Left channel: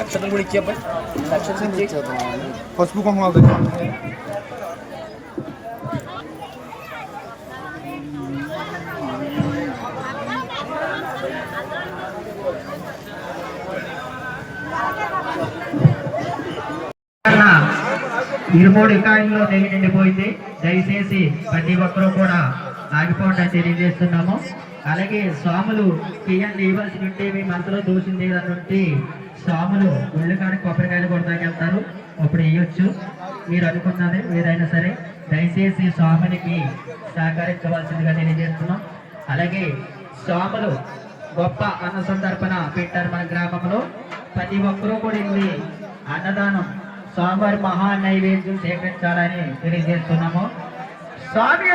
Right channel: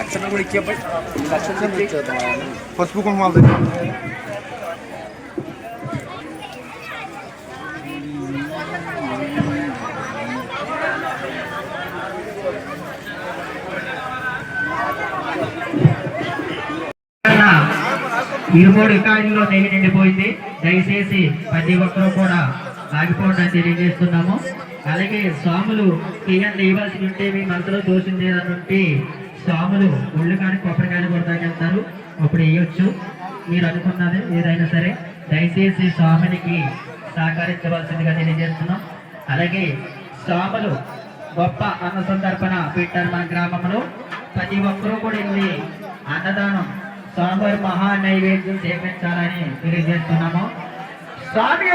అక్షతలు కూడా ఇచ్చేపై అక్షతలు ఇచ్చేద్దాం. పసుపు కుంకుమాలు ఇరుమూడు కాయల్లో నెయ్యి నిండిపోయింది. దయచేసి ప్రతి ఒక్కరూ కూడా ఆగిపోవడం తెలియజేస్తున్నాము. అలాగే స్వాములు తీయండి ఇవ్వాల్సి ఉంటే మీ మనసులో దోషింది ఏదన్నుంటే స్వాములు ఒళ్ళు కానీ కొబ్బరికాయలు కూడా తగ్గిస్తారు, అప్పుడు వేయొచ్చు. మీరు అనుకున్నది ఏదైనా సరే దయచేసి స్వామునికి సహకరించవలసిందిగా తెలియజేస్తున్నాం. అలాగే స్వాములు గొప్ప అన్న సందర్భన పెట్టారు మన గ్రామంలో. ప్రతి ఒక్కరూ కూడా వెళ్ళి అన్నదానం స్వామివారి మహా నైవేద్యం సేకరించాలని తెలియజేస్తున్నాము. స్వామి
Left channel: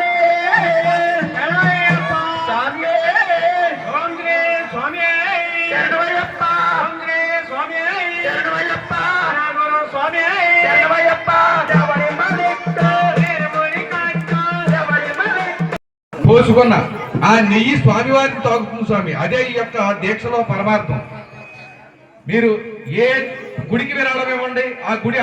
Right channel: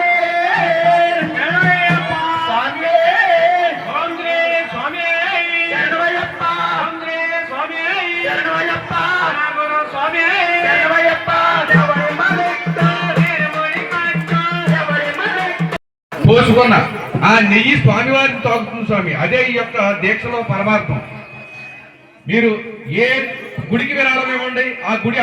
పోసుకున్న ఆ నెయ్యి స్వామివారిని తాగుతుంది స్వామి. అదే ఈ యొక్క దీక్షలో పరమార్థం. మీరు ఏ గుడికి విరాళం ఇవ్వండి, ఆ గుడి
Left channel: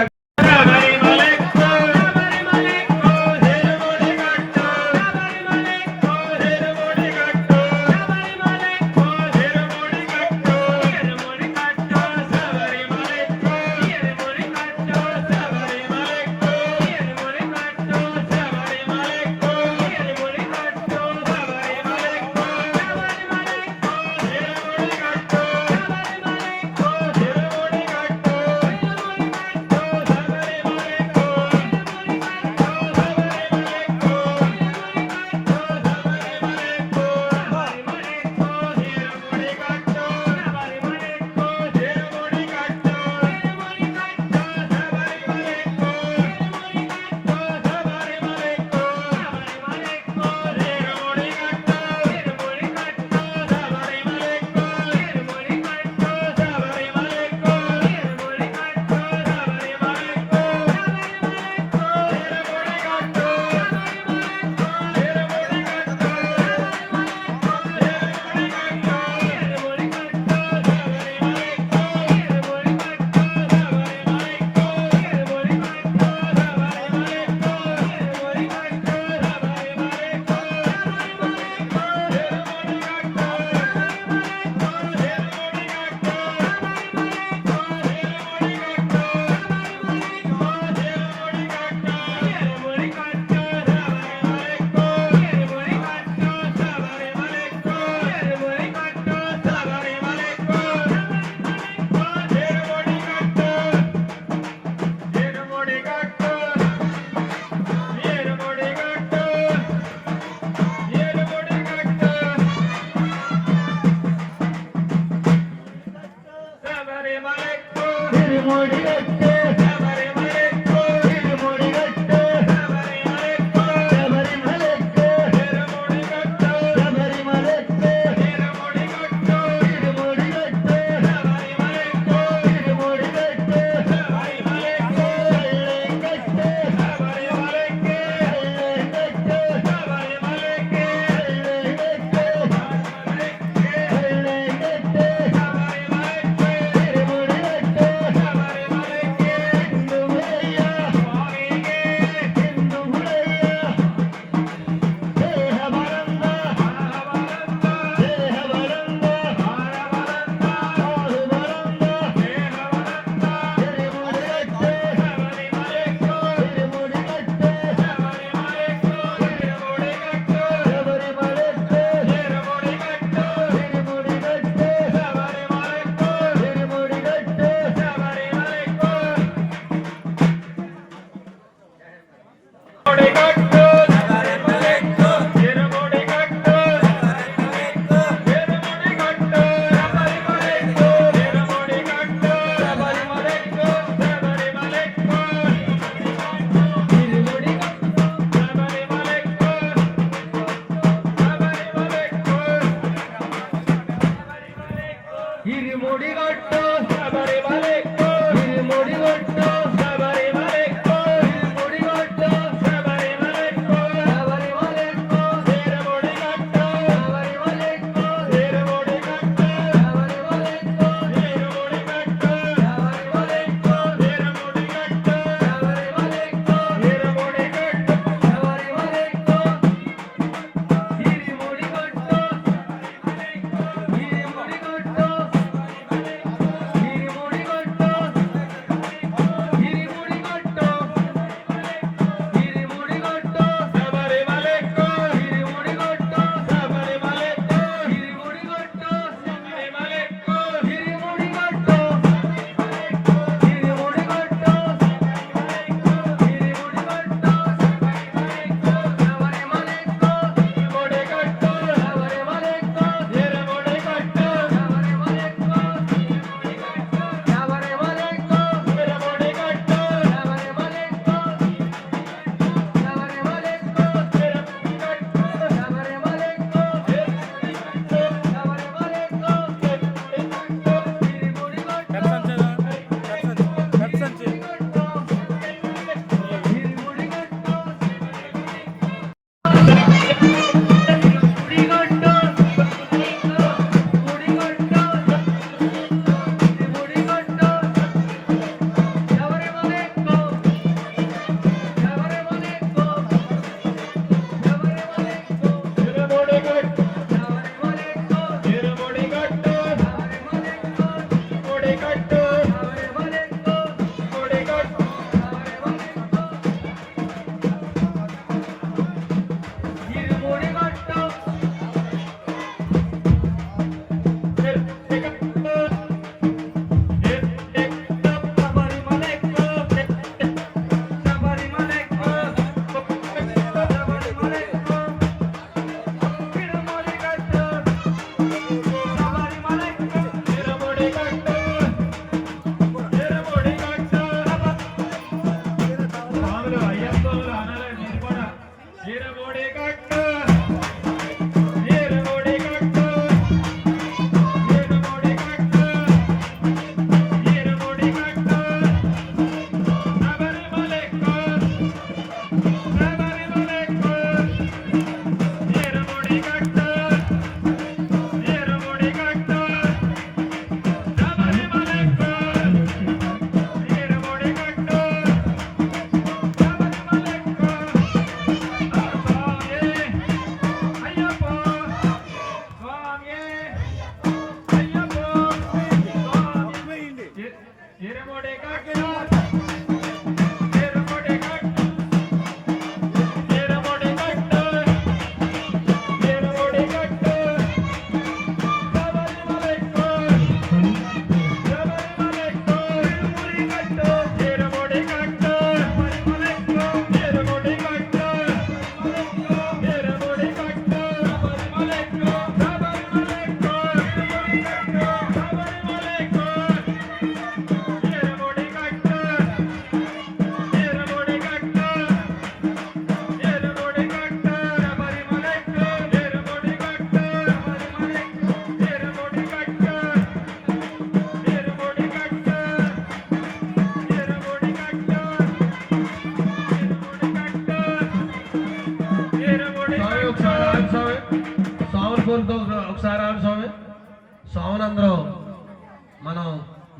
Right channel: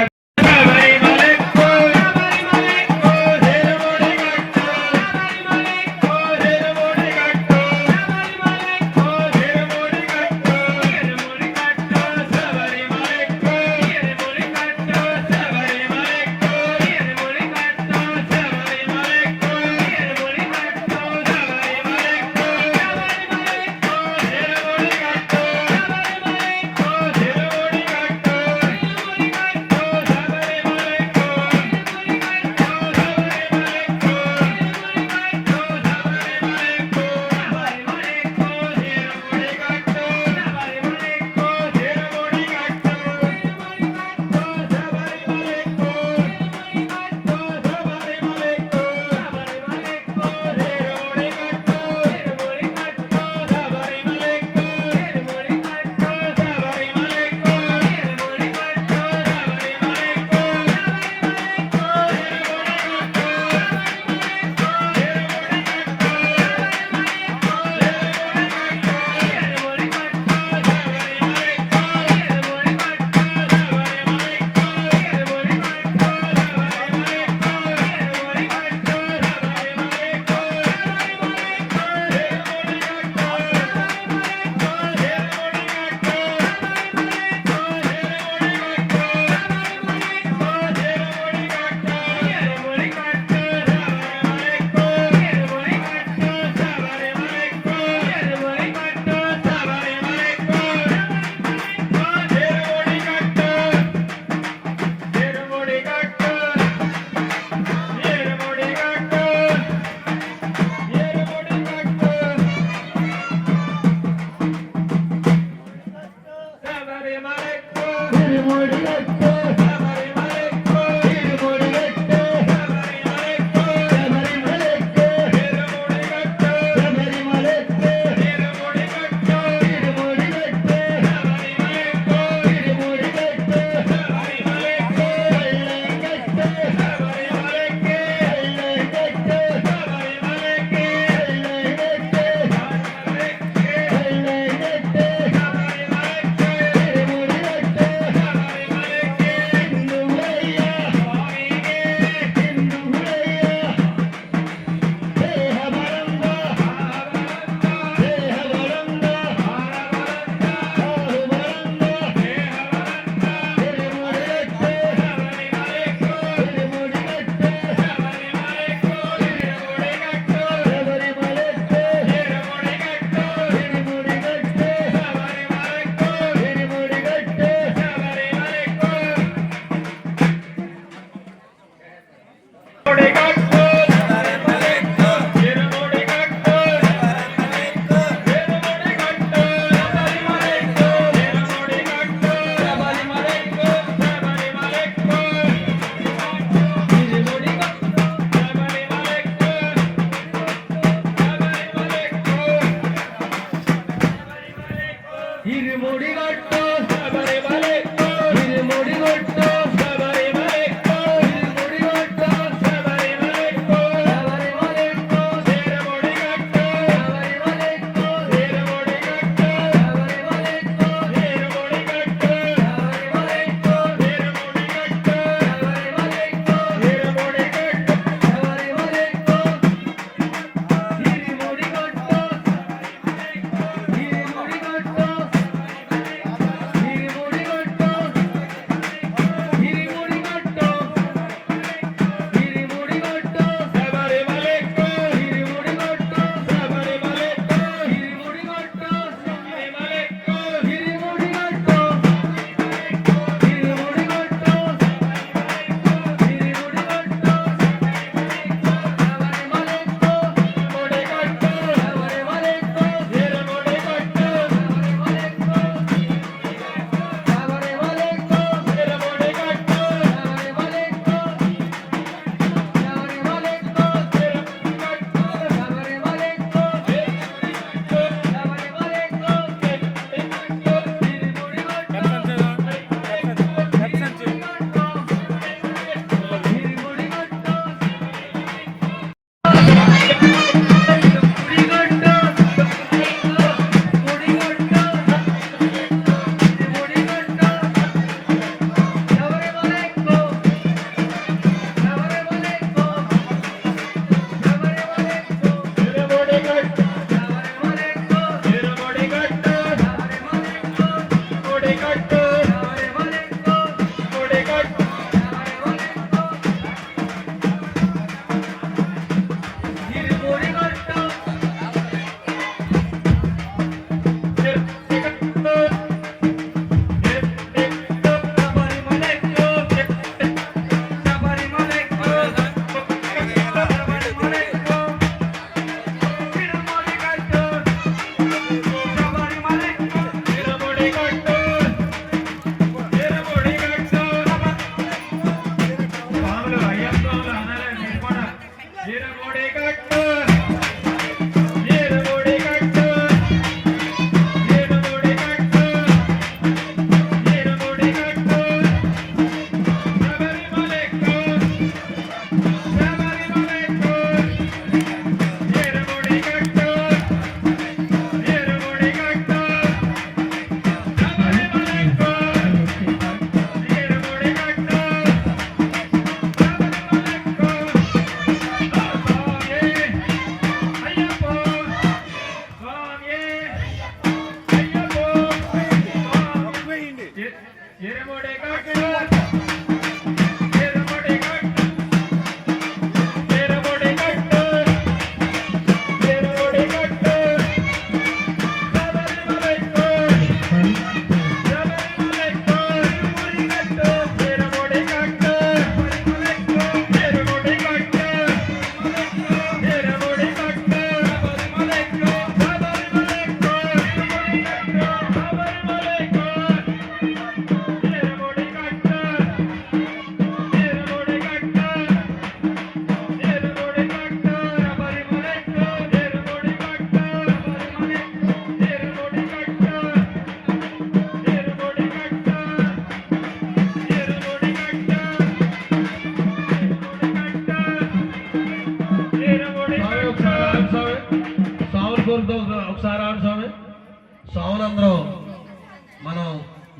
మనం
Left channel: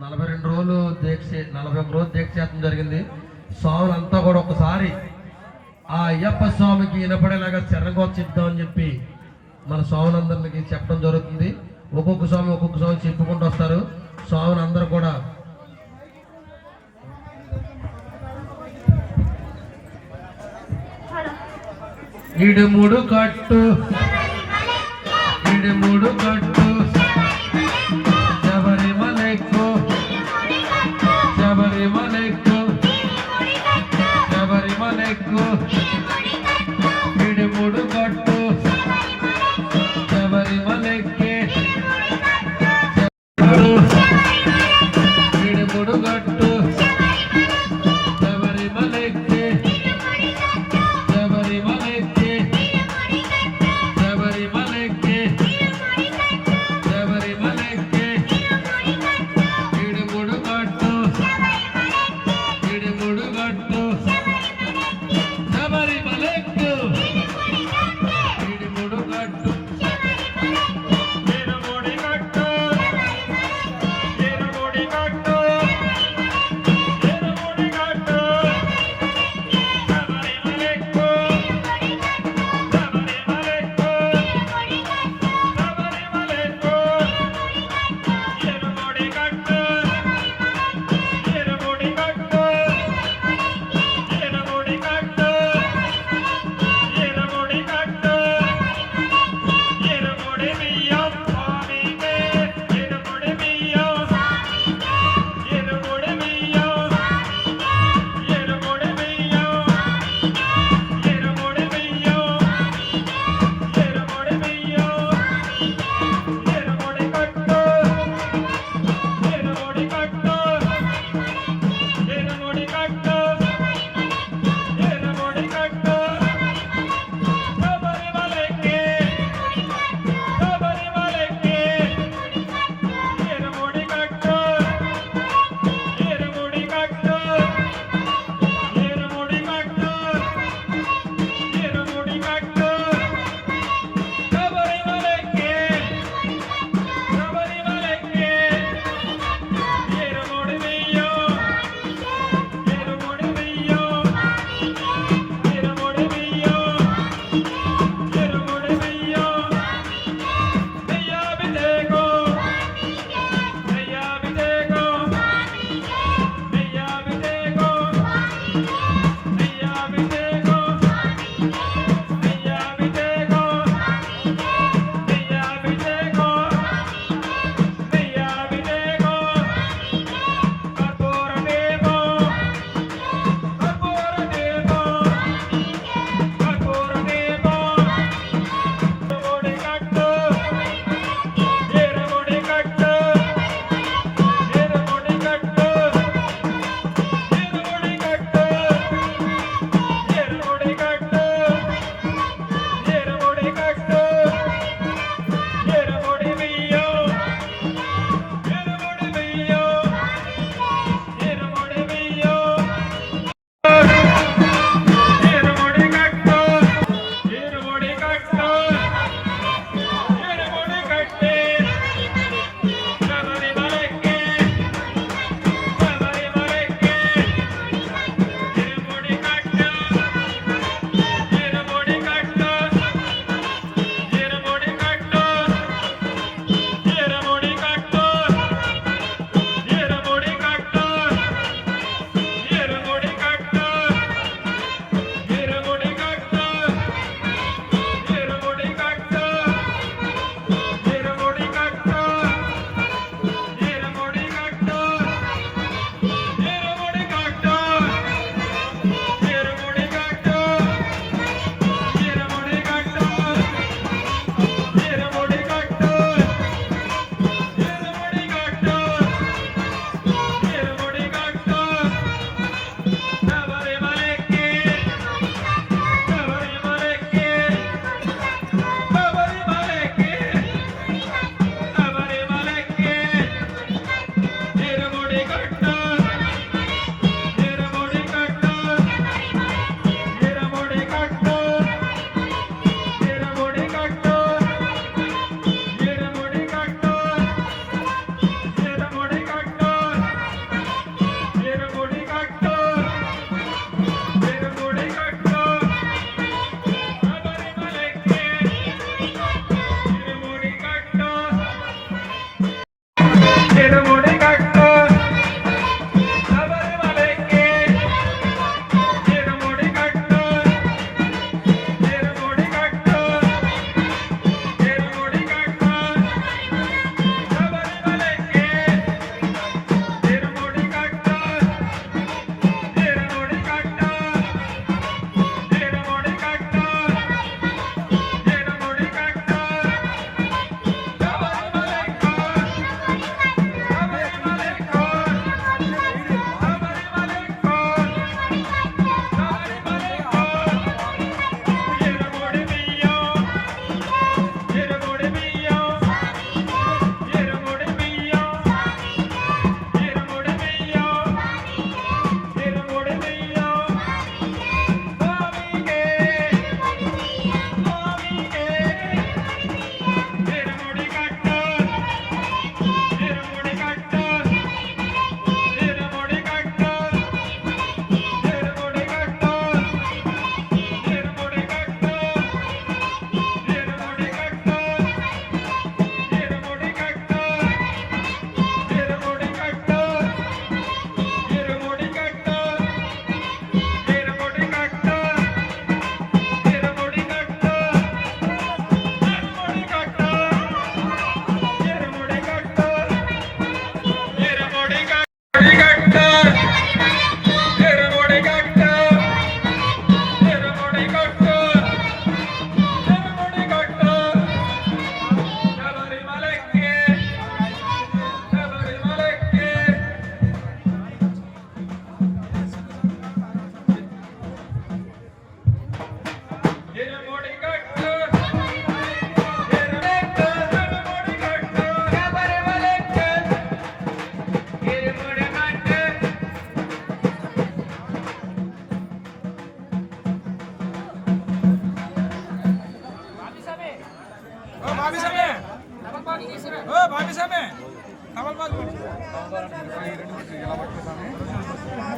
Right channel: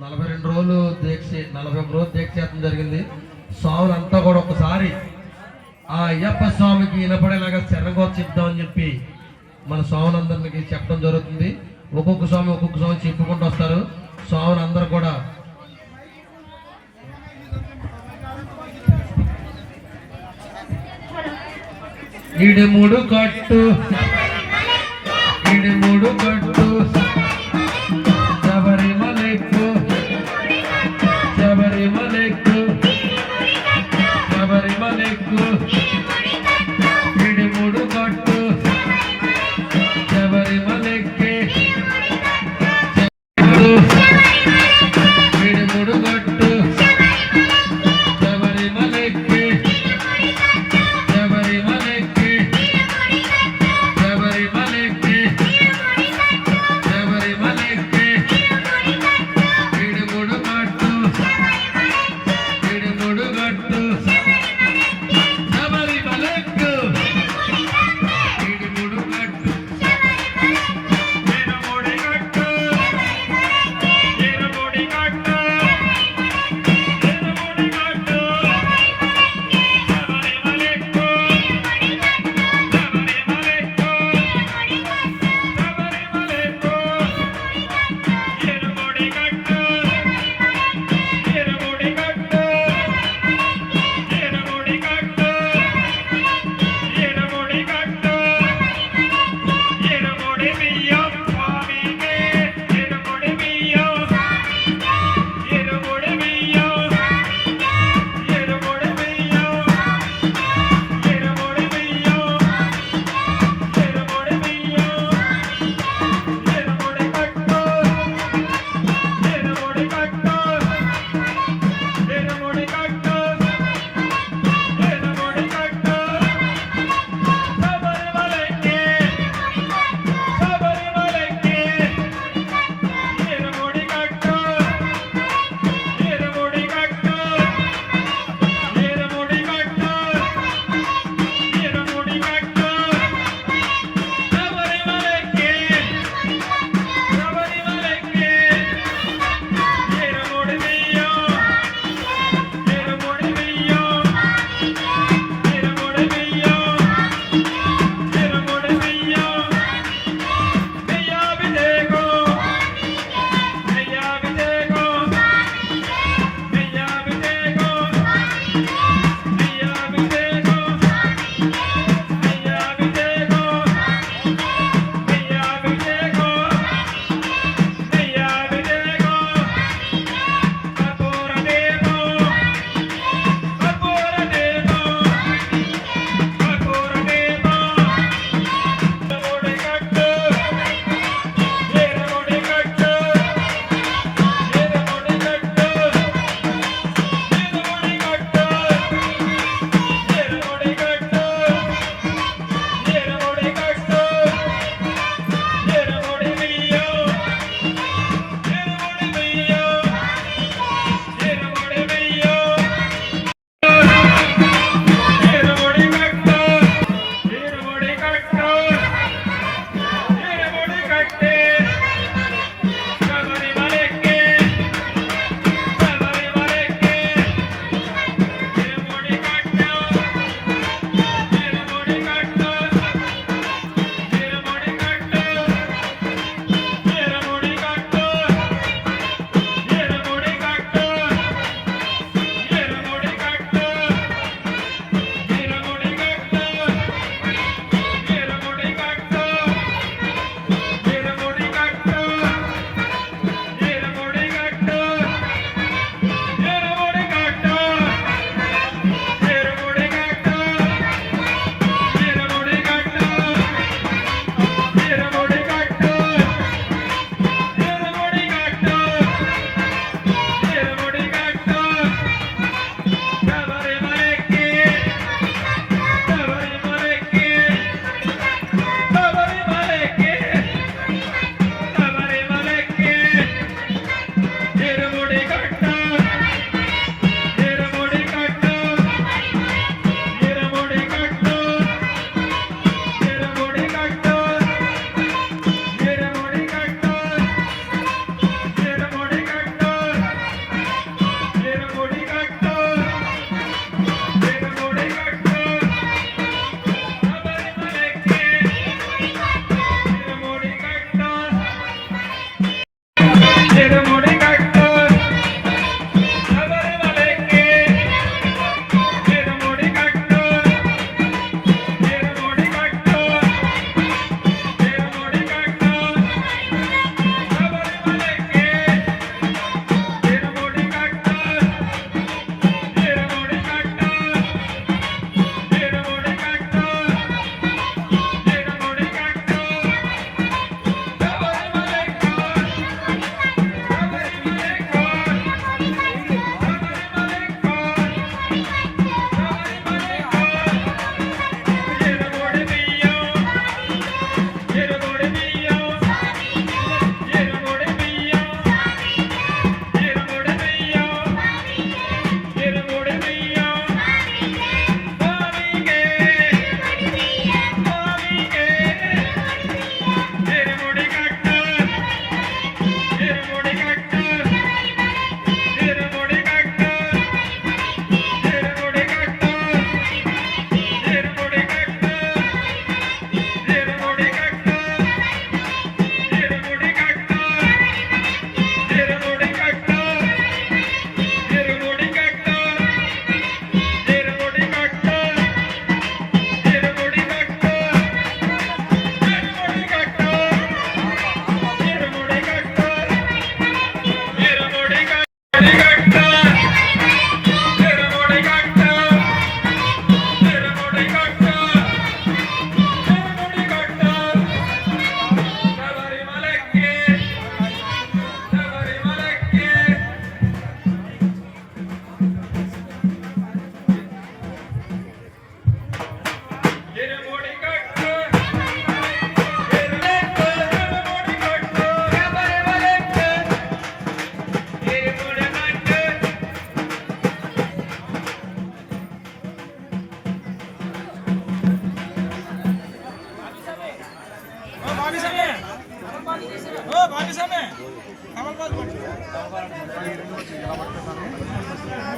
42 రోజులు దీక్ష 41 రోజులు దీక్ష చేయడం జరిగింది. స్వాములంతా కూడా ఒకసారి ఆ అయ్యప్ప స్వామికి వినపడేలాగా శరణగోత చెప్తామని చెప్పి మన స్వాములందరికీ చెప్పడం జరుగుతుంది. ఒక్కొక్క స్వామి చెప్పుకుంటూ వస్తారు. స్వాములు అందరూ కూడా ఇడుముడు కట్టు శబరిమలెక్కు ఇడుముడు కట్టు శబరిమలెక్కే ఇడుముడు కట్టు శబరిమలెక్కే శబరిమలెక్కే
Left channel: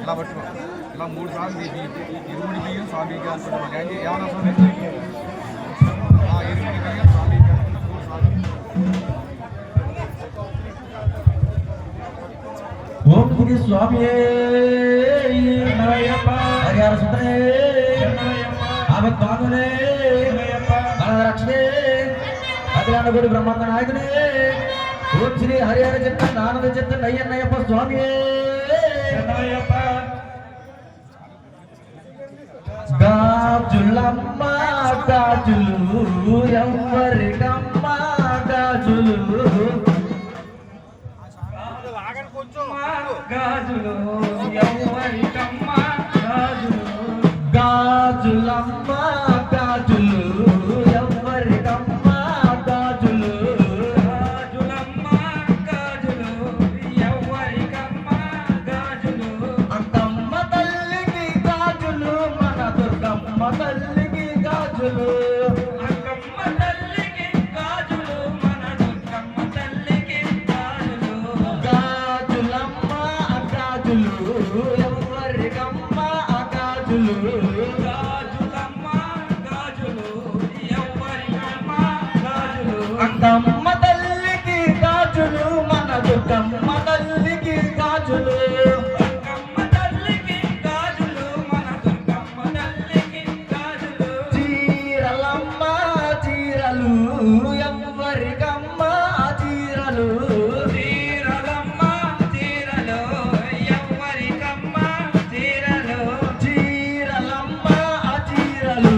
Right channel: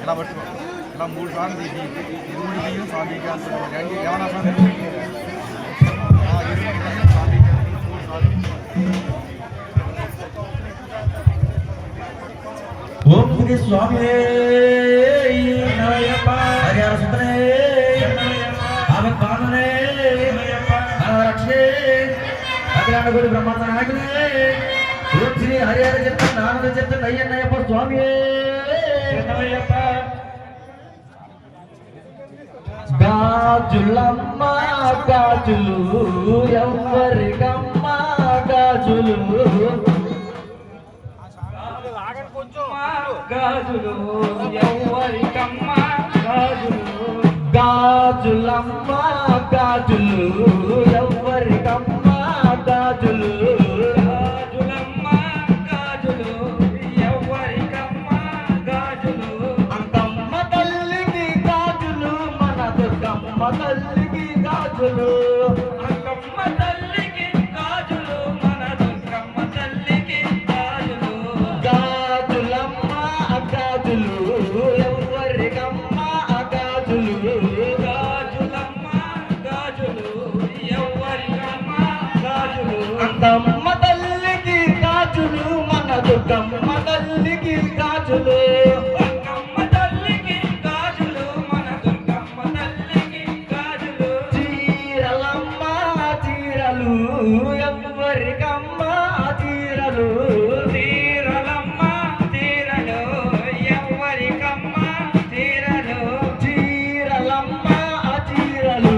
ఇలా పట్టుకో ఇలా 3 సార్లు తీసి ఇరుముడి బియ్యం సాధిగా అనుకుంటాం ఏమన్నా స్వామి ఇరుముడి బియ్యం సాధిగా 3 సార్లు. ఓం శ్రీ స్వామి హరిహర సుందరే ఆపత్పాదునే రక్షే అఖిలాండ గుడి బ్రహ్మాండ నాయకునే ఓం శ్రీ హరిహర చిత్తం ఆనంద చిత్తం అయ్యన్నయ్యప్ప స్వామి గాజులమ్మ గాజులు ఎవ్వరికమ్మ గాజులు గాజులు ఎవ్వరికమ్మ గాజులు గాజులమ్మ గాజులు ఎవ్వరికమ్మ గాజులు గాజులమ్మ గాజులు ఎవ్వరికమ్మ గాజులు అంకమ్మ తల్లికి గాజులు మన దుర్గమ్మ తల్లికి గాజులు అంకమ్మ తల్లికి గాజులు మన దుర్గమ్మ తల్లికి గాజులు గాజులమ్మ గాజులు ఎవ్వరికమ్మ గాజులు గాజులమ్మ గాజులు ఎవ్వరికమ్మ గాజులు అంకమ్మ తల్లికి గాజులు మన దుర్గమ్మ తల్లికి గాజులు అంకమ్మ తల్లికి గాజులు మన దుర్గమ్మ తల్లికి గాజులు చీరలమ్మ చీరలు ఎవ్వరికమ్మ చీరలు చీరలమ్మ చీరలు ఎవ్వరికమ్మ చీరలు చీరలమ్మ చీరలు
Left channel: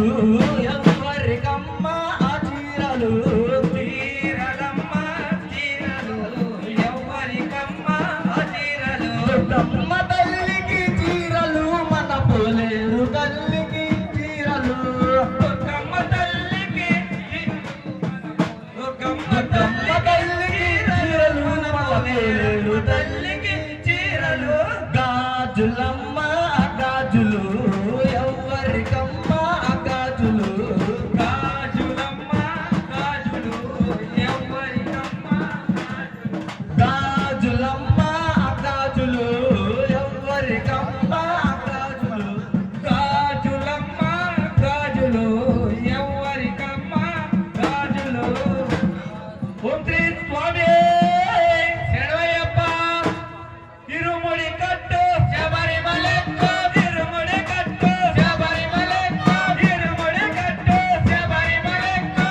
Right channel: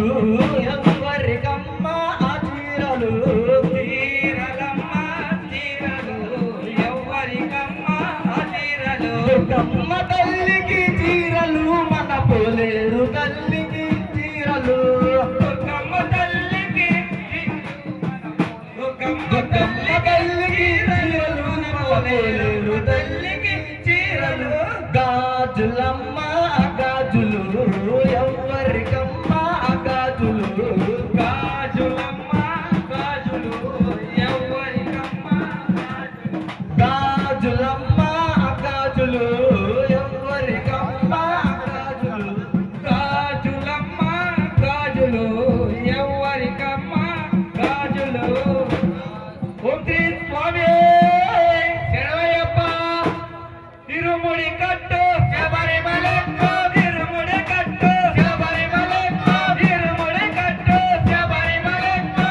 ఎవ్వరికమ్మ చీరలు చీరలమ్మ చీరలు ఎవ్వరికమ్మ చీరలు దుర్గమ్మ తల్లికి చీరలు మన పోలేరు తల్లికి చీరలు దుర్గమ్మ తల్లికి దుర్గమ్మ తల్లికి చీరలు మన పోలేరు తల్లికి చీరలు గాజులమ్మ గాజులు ఎవ్వరికమ్మ గాజులు గాజులమ్మ గాజులు ఎవ్వరికమ్మ గాజులమ్మ గాజులు ఎవ్వరికమ్మ గాజులు గాజులమ్మ గాజులు ఎవ్వరికమ్మ గాజులు ఓం శ్రీ స్వామి శరణయ్యప్ప తిరుముడి కట్టు శబరిమలెక్కు తిరుముడి కట్టు శబరిమలెక్కు తిరుముడి కట్టు శబరిమలెక్కు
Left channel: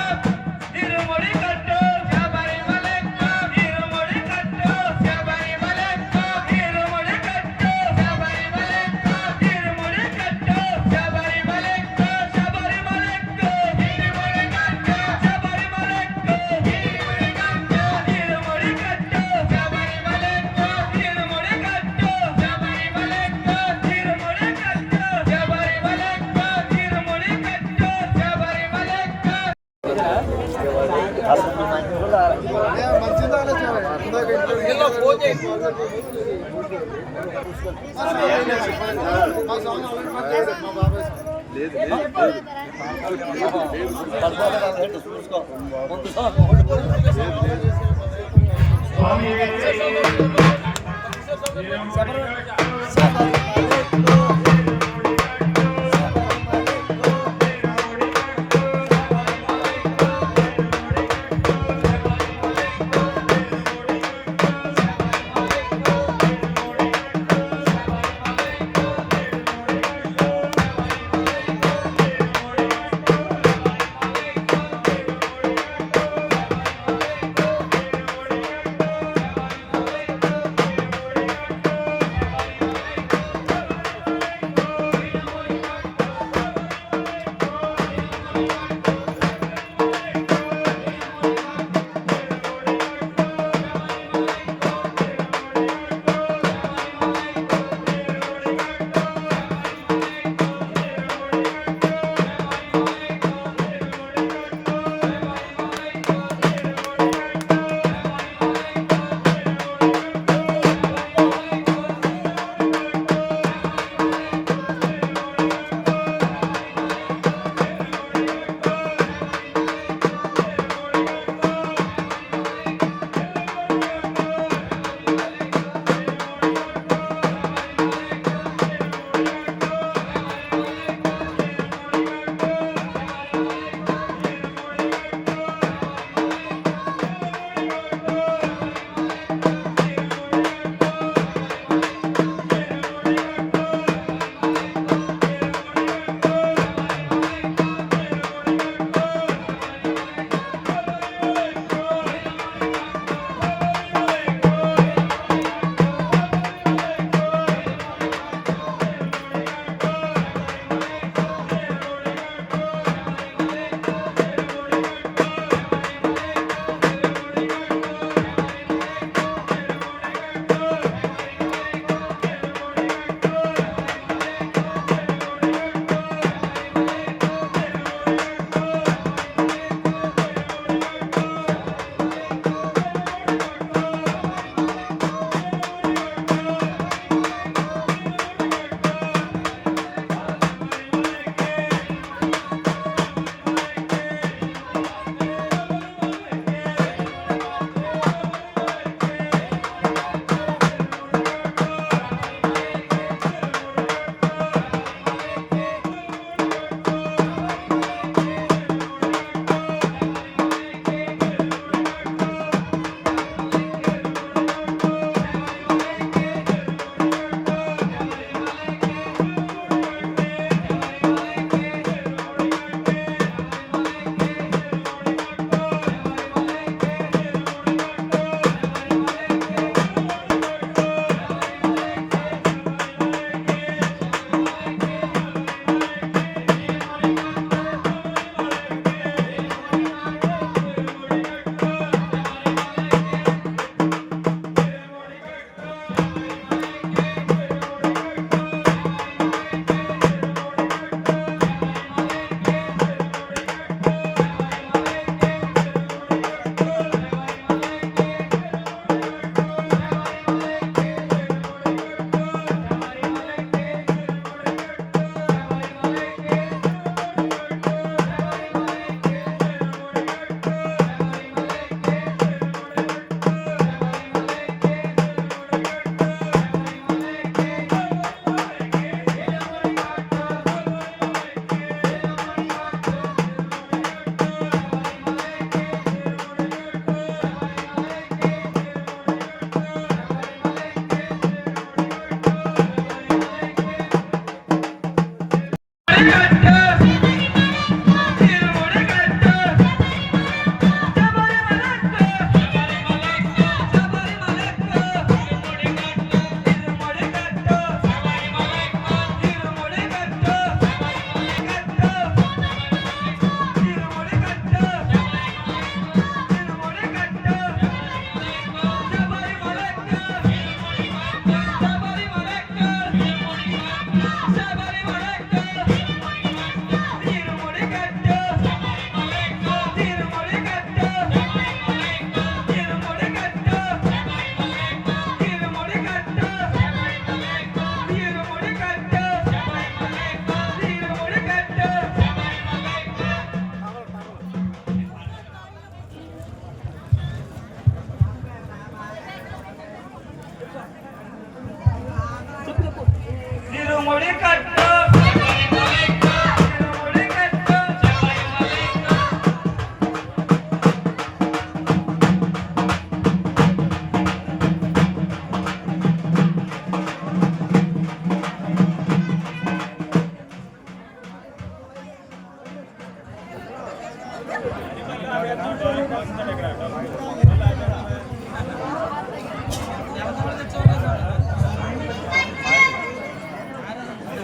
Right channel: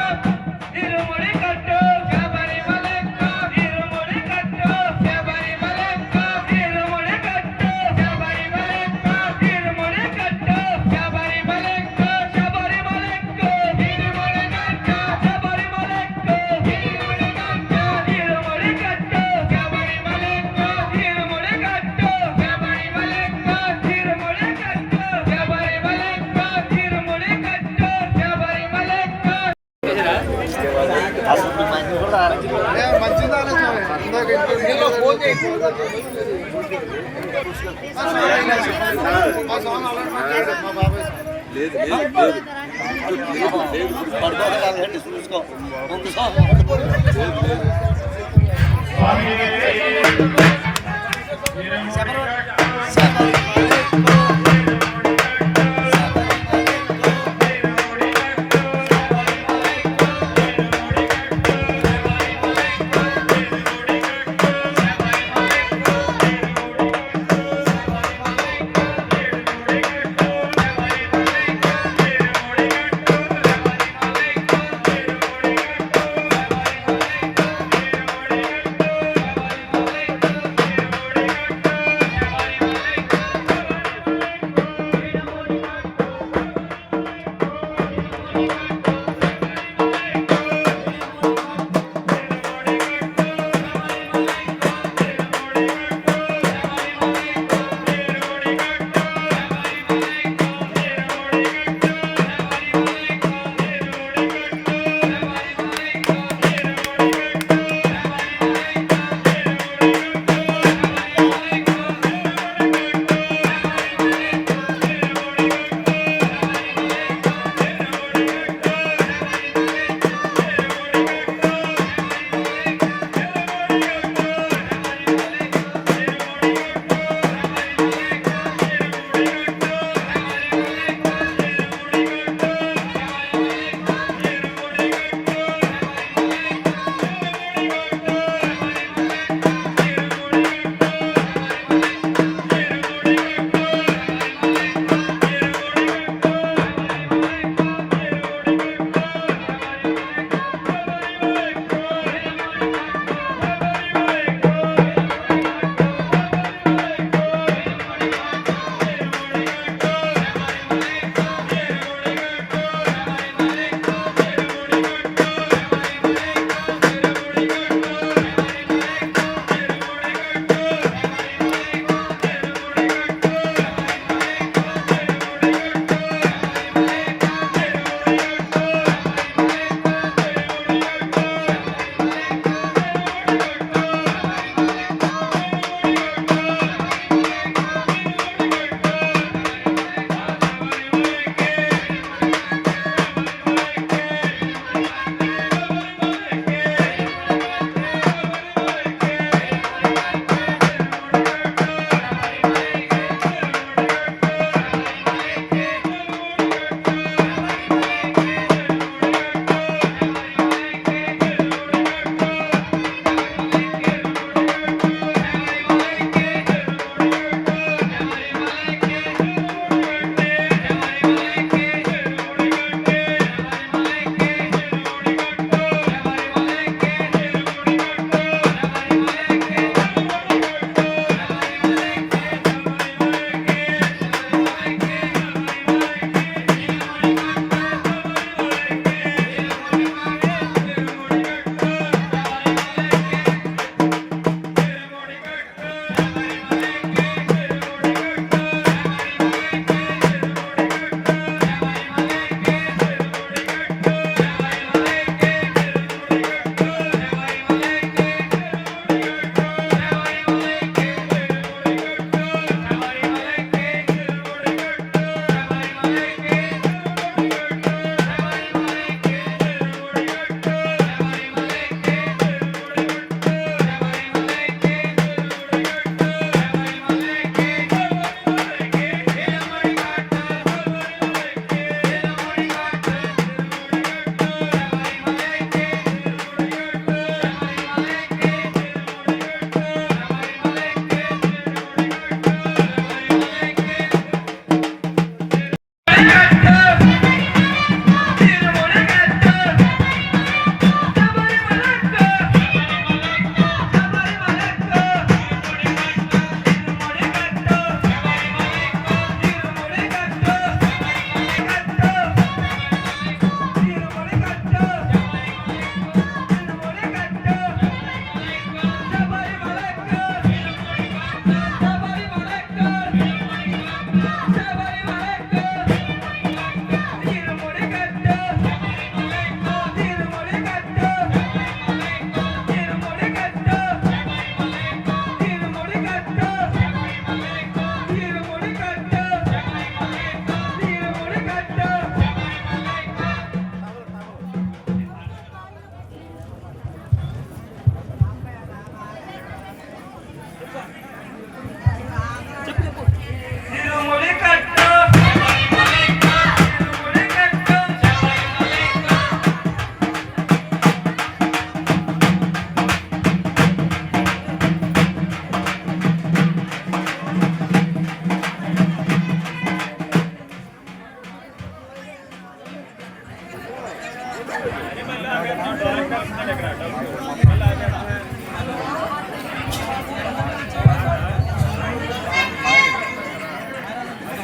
తిరుముడి కట్టు శబరిమలెక్కు తిరుముడి కట్టు శబరిమలెక్కు తిరుముడి కట్టు శబరిమలెక్కు తిరుముడి కట్టు శబరిమలెక్కు శబరిమలెక్కు తిరుముడి కట్టు శబరిమలెక్కు తిరుముడి కట్టు తిరుముడి కట్టు శబరిమలెక్కు తిరుముడి కట్టు శబరిమలెక్కు తిరుముడి కట్టు శబరిమలెక్కు తిరుముడి కట్టు శబరిమలెక్కు మంచిదా ఇందులో ఫోన్ చేసి మా సాంగ్ అలాంటి మా బాబాయ్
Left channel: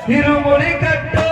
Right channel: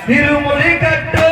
இருமுடி கட்டு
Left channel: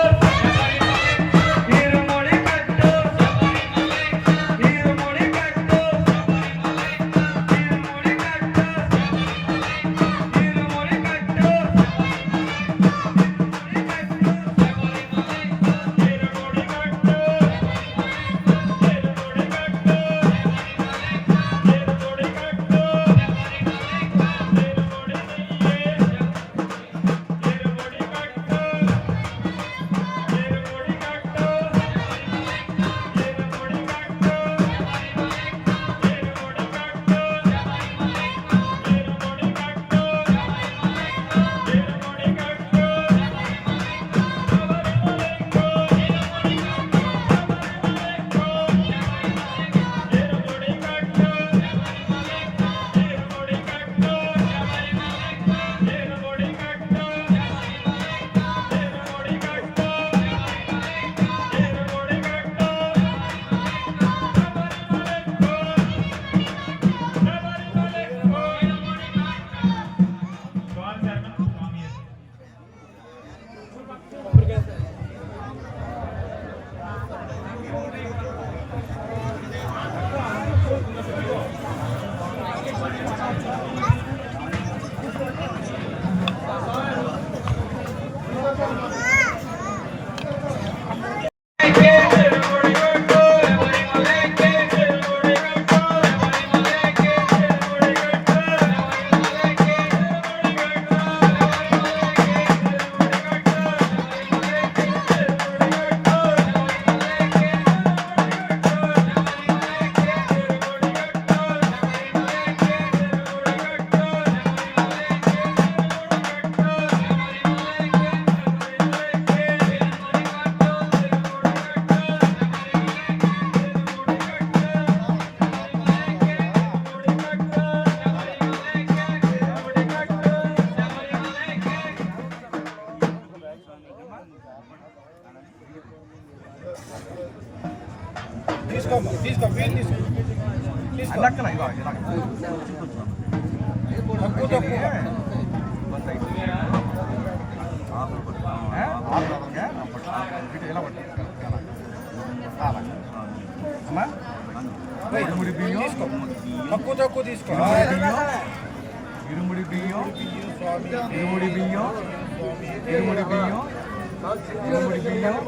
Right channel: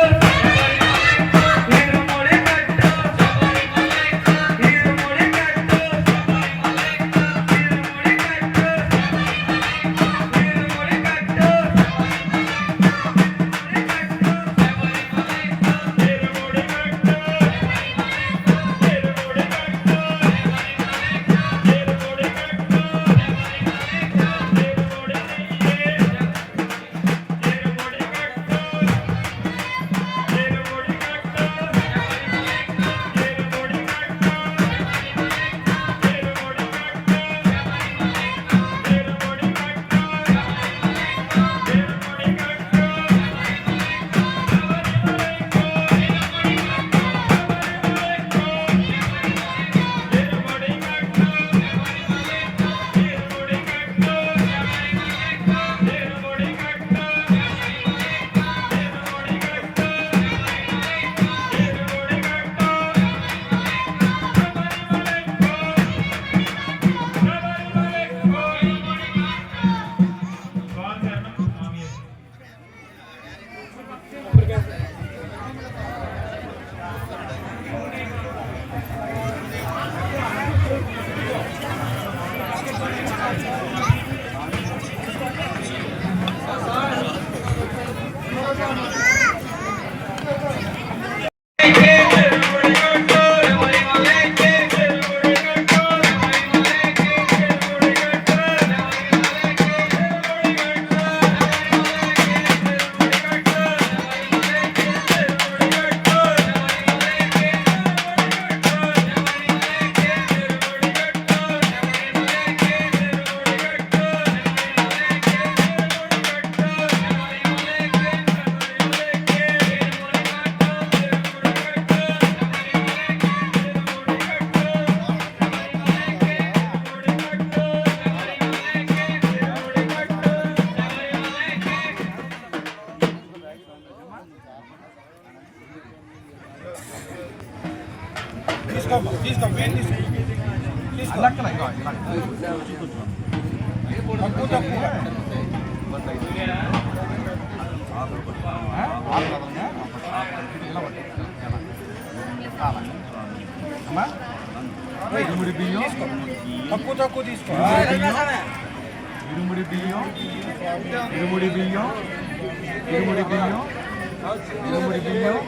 లెక్కన ఇక తక్కువ తక్కువ ఇరుముడి బియ్యం తక్కువ తక్కువ తీసుకో ఇరుముడి బియ్యం ఇరుముడి బియ్యం ఇరుముడి బియ్యం ఇరుముడి బియ్యం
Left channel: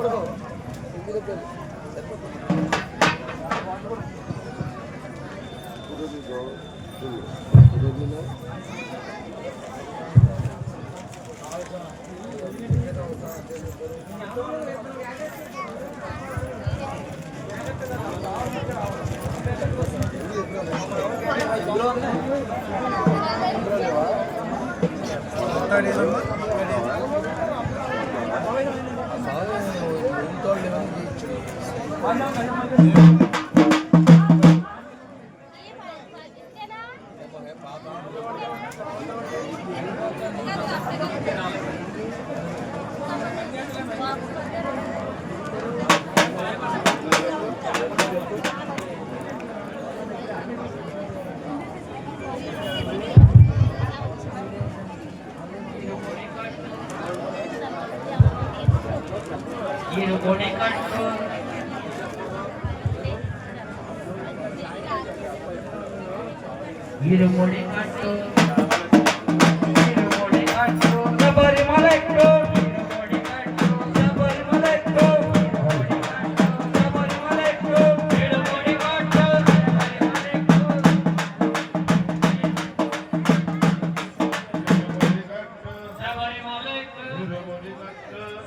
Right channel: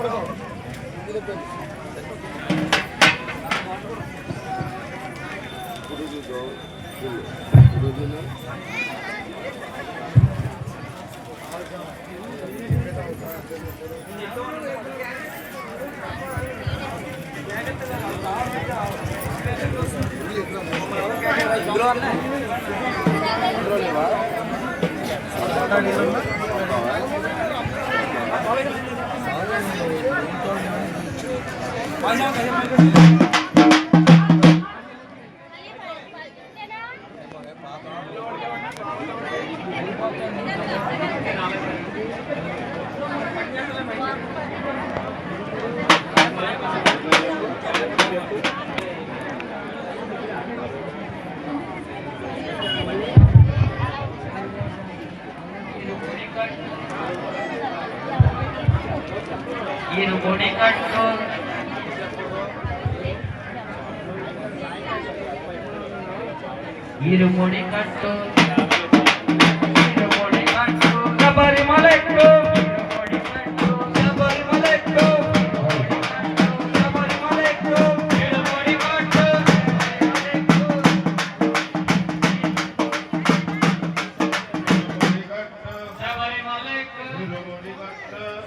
ఇరుముడి కట్టు ఇరుముడి కట్టు ఇరుముడి కట్టు శబరిమలెక్కు ఇరుముడి కట్టు శబరిమలెక్కు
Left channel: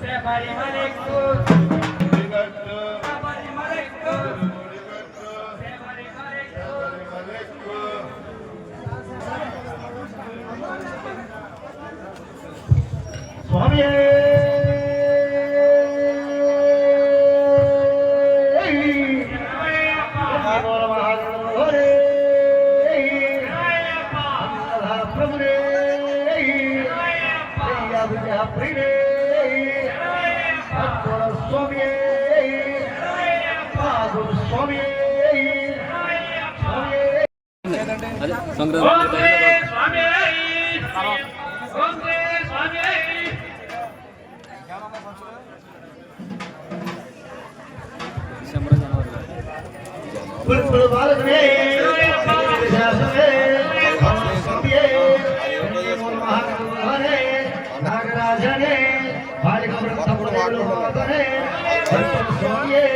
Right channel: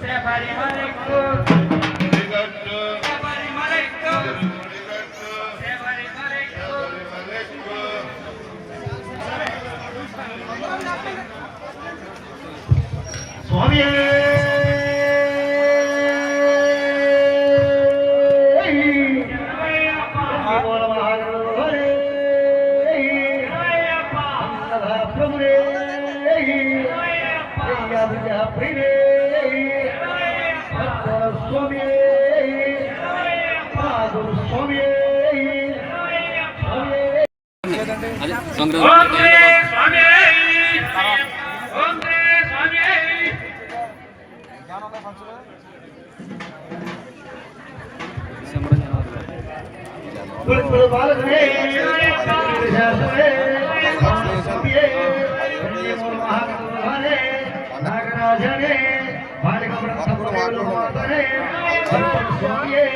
శబరిమలెక్కు ఇరుముడి కట్టు శబరిమలెక్కు శబరిమలెక్కు స్వామి ప్రభునే ప్రియే స్వామి స్వామి బాలనే నాగరాజనే బాలిక బ్రహ్మణే స్వామియే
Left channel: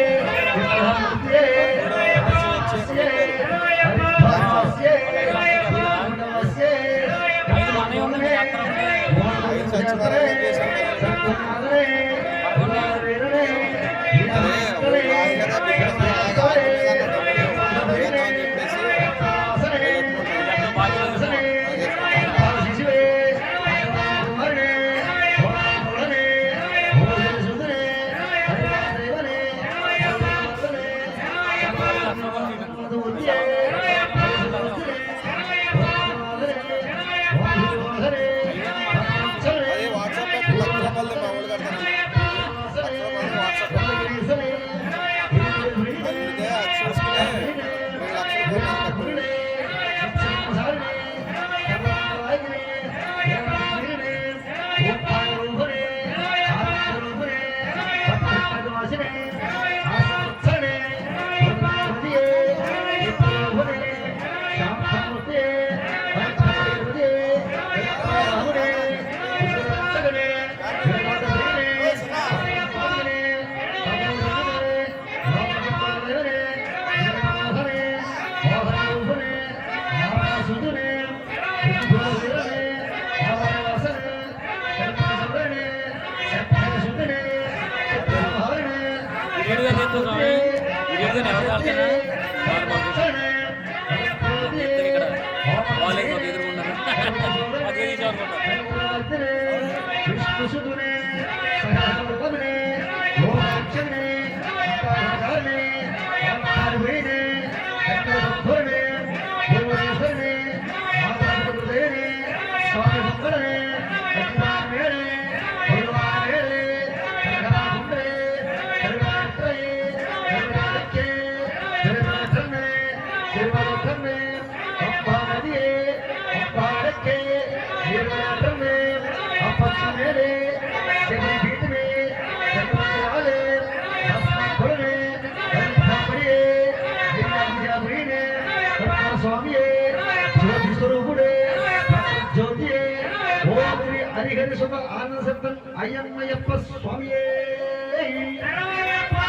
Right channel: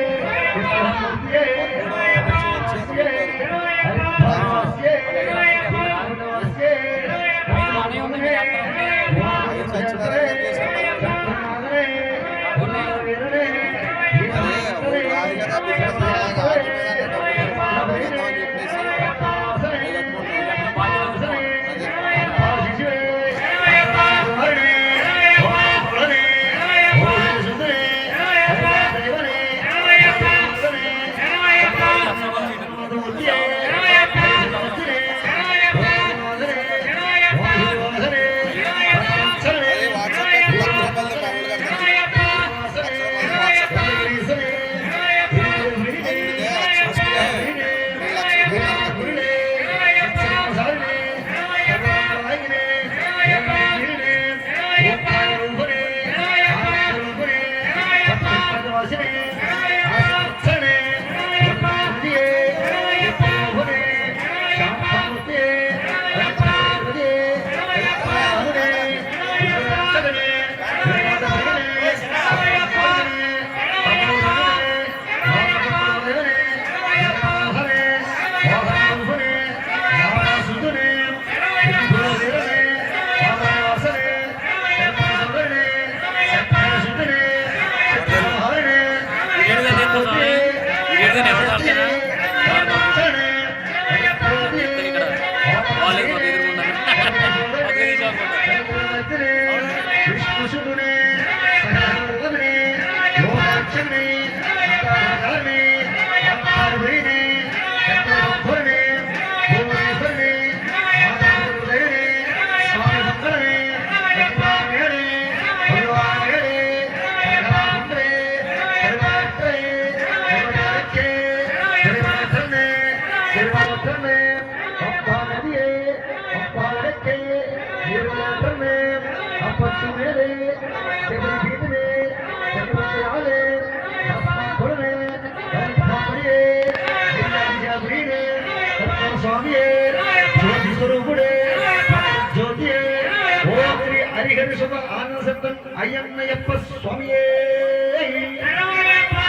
అయ్యన్నయ్యప్ప స్వామియే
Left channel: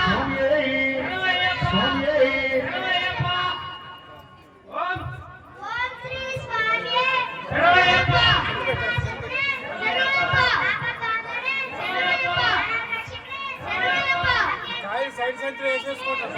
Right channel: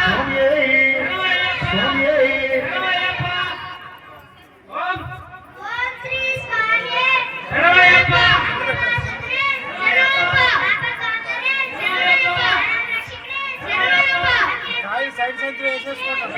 స్వామియే స్వామియే సైడ్ సెంటర్ వేసేసుకుంటాం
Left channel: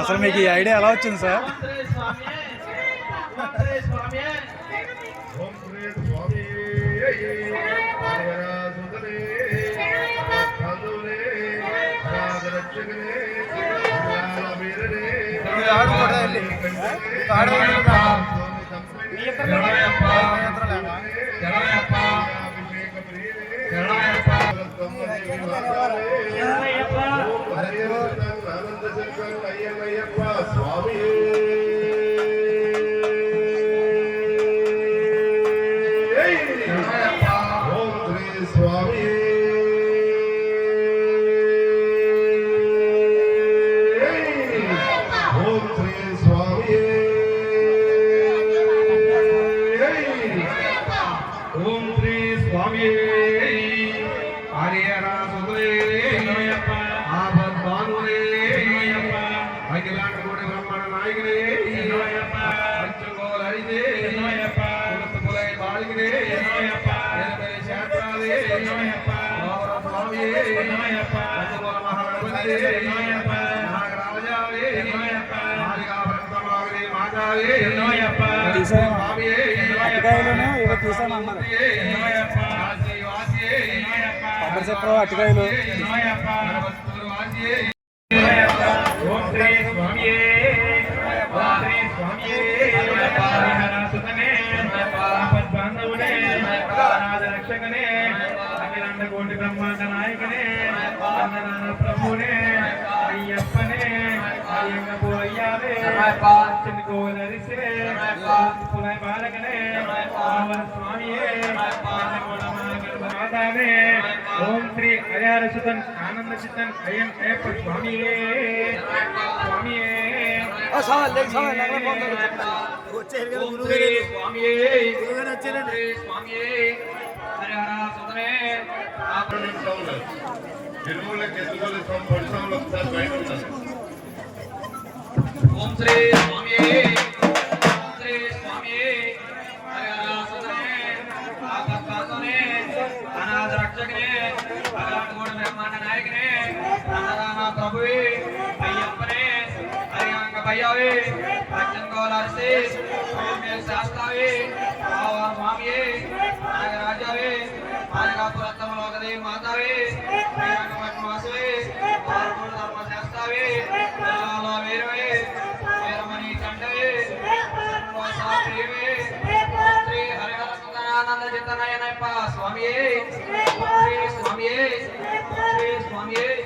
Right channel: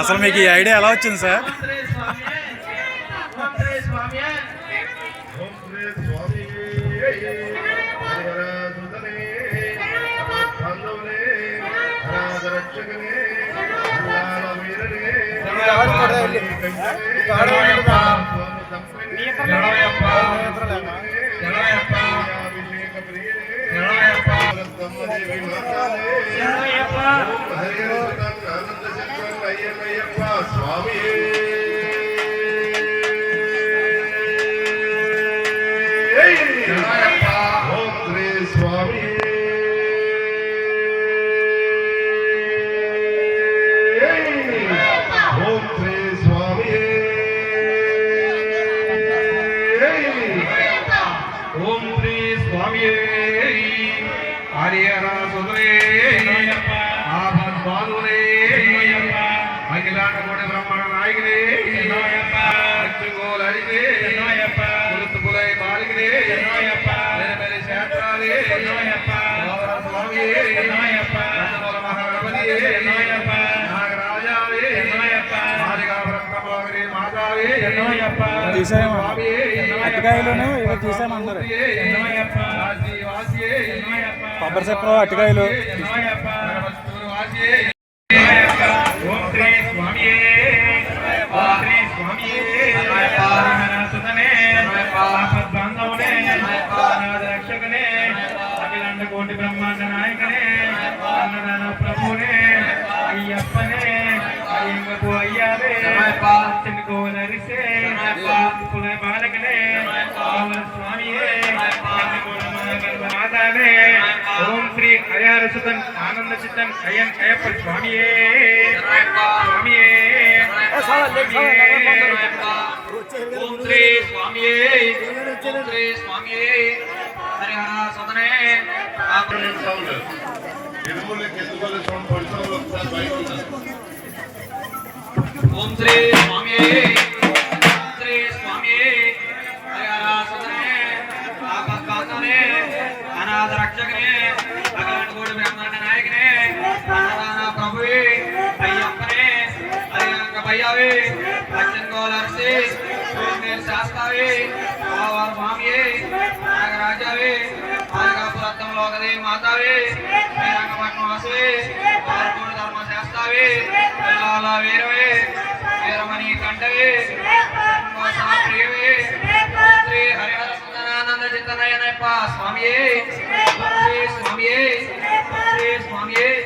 అసలు మీకు ఈ ఐడియా ఎలా వచ్చింది సార్? ఓం శ్రీ స్వామి హరిహరాసురే ఆపద్బాలురే అఖిలాండ కోటి బ్రహ్మాండ నాయకుడే అచ్చుగోలైదే కులతుపులై బాలికడే వేరే శాస్త్రాలే స్వామి మహాగణపతి నాగరాజావే మాదిగా బ్రహ్మమాగరే మాతావే అటుకాయలను ఇవి తీసామన్నారు కొబ్బరి చెప్పు అటుకాయలు ఓం శ్రీ స్వామి ఓం శ్రీ స్వామి బాంధవుడే రక్షకనే అఖిలాండ కోటి బ్రహ్మాండ నాయకనే అన్నదాన ప్రభునే అయ్యప్పనే అయ్యంగపు అయ్యావే చిన్నగోనరిసే బాలకనే స్వామియే మాతావే ఓం శ్రీ హరిహర సుతన్ ఆనంద చిత్తన్ అయ్యన్ అయ్యప్ప స్వామియే స్వామియే ఓం శ్రీ స్వామియే శ్రీ స్వామియే హరిహర సుతనే ఓం శ్రీ స్వామియే శ్రీ స్వామియే హరిహర సుతనే ఆపద్బాంధవనే అనాథ రక్షకనే అఖిలాండ కోటి బ్రహ్మాండ నాయకనే అన్నదాన ప్రభువే అయ్యప్పనే అయ్యంగ భయ్యావే అచ్చంగోలర్సే ఓమే శాస్తావే స్వామియే నాగరాజావే మాదిగాపురత్తం లోకదే మాతావే శ్రీరంగపట్నవాసే వారపూడి ధర్మ శాస్తావే పిల్లాల వీరవే వీరమణి కంఠవే ప్రియవే శ్రీ హరిహర సుందరానంద చిత్తనయనప్ప స్వామియే శ్రీ స్వామియే శ్రీ స్వామియే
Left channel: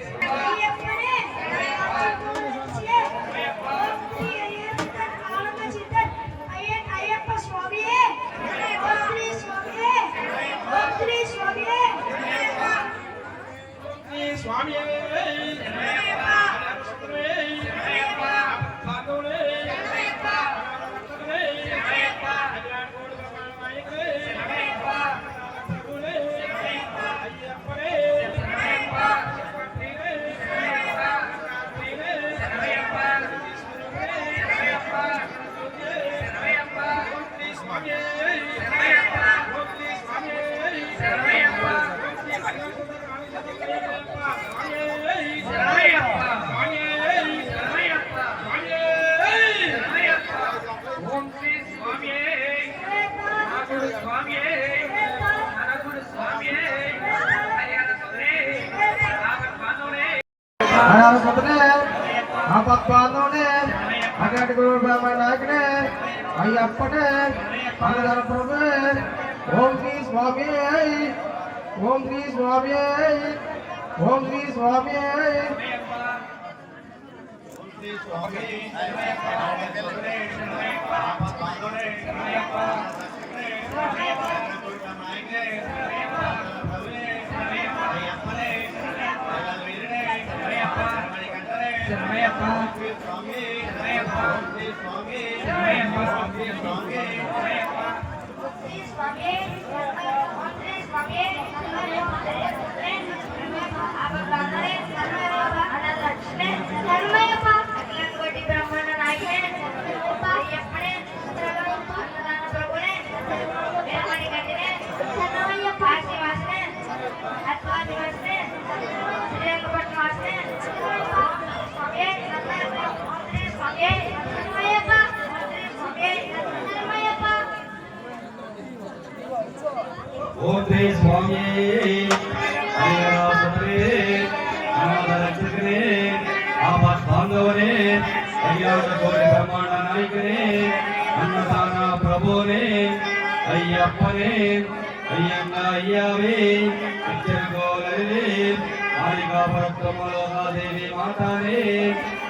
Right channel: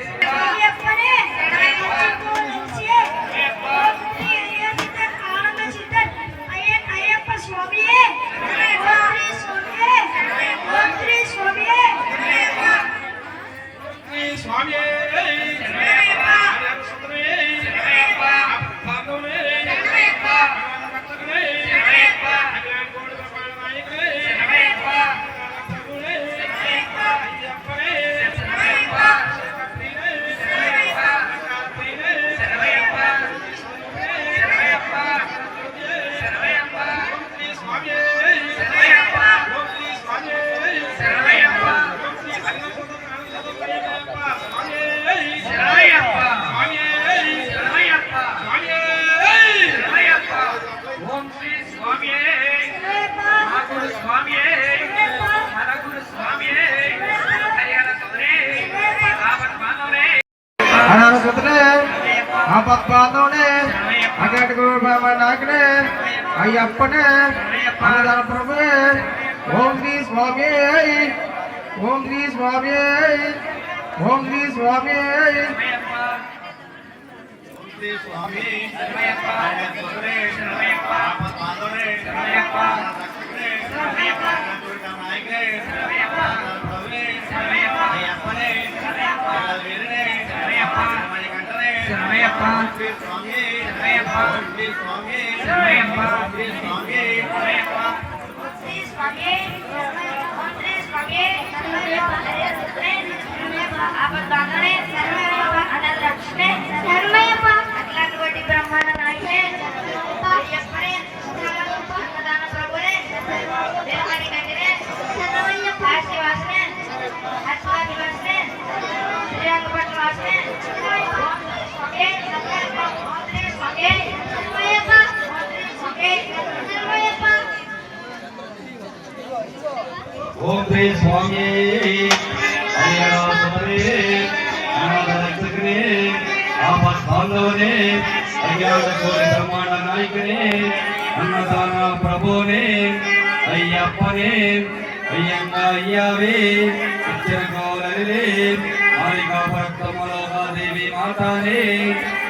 ఆపద్బాంధవుడే అఖిలాండ కోటి బ్రహ్మాండ నాయకుడే అయ్యప్పనే అన్నదాన ప్రభువే ఓం శ్రీ స్వామి ఓం శ్రీ స్వామి ఓం శ్రీ స్వామి బ్రహ్మాండ నాయకుడే అయ్యప్పనే అన్నదాన ప్రభునే వీరమణి కంఠనే కాశీవాసనే అట్లాదివాసనే శ్రీరంగపట్నవాసనే ఓం శ్రీ స్వామి రక్షకనే ఆపద్బాంధవనే అఖిలాండ కోటి బ్రహ్మాండ నాయకనే అన్నదాన ప్రభునే అయ్యప్పనే అయ్యంగా అయ్యావే ఇచ్చనకోలే మాలికా పరత్వమలోకాదేవి మాతానే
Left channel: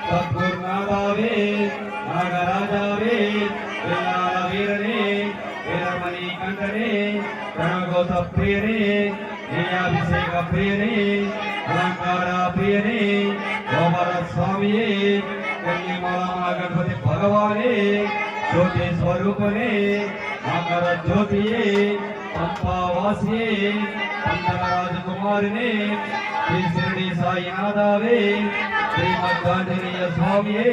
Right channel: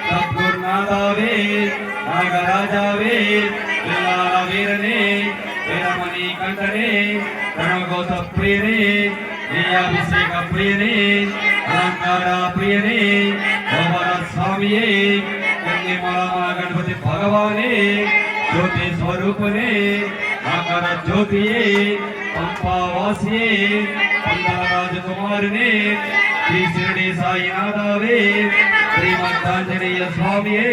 సద్గురునాథావే నాగరాజావే వీరాల వీరనే వీరమణి కంఠనే ప్రణగోత ప్రియనే శ్రీయాభిషేక ప్రియనే అలంకార ప్రియనే గోమర స్వామియే కన్నిమల గణపతి భగవానే జ్యోతి స్వరూపనే ఆకర జ్యోతియే పంపావాసియే పందల రాజకుమారినే శ్రీ శిరడి సాయినాథావే శ్రీమద్దాంజనేయ స్వామియే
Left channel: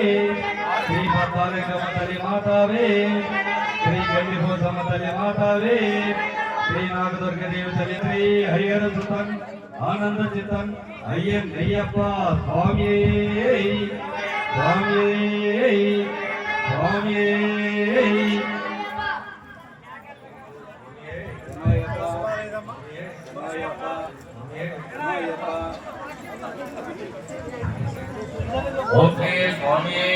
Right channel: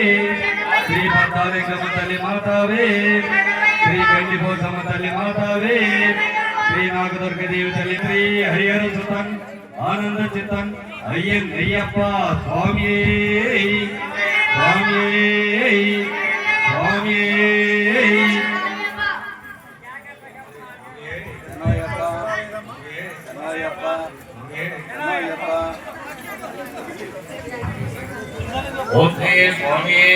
శ్రీమద్దాలింగమ్మ తల్లి మాతావే శ్రీ గండిపోసమ్మ తల్లి మాతావే శ్రీ నాగదుర్గదేవి తల్లి శ్రీ హరిహర సుతన్ ఆనంద చిత్తన్ అయ్యప్ప స్వామియే స్వామియే స్వామియే ఓకే స్వామియే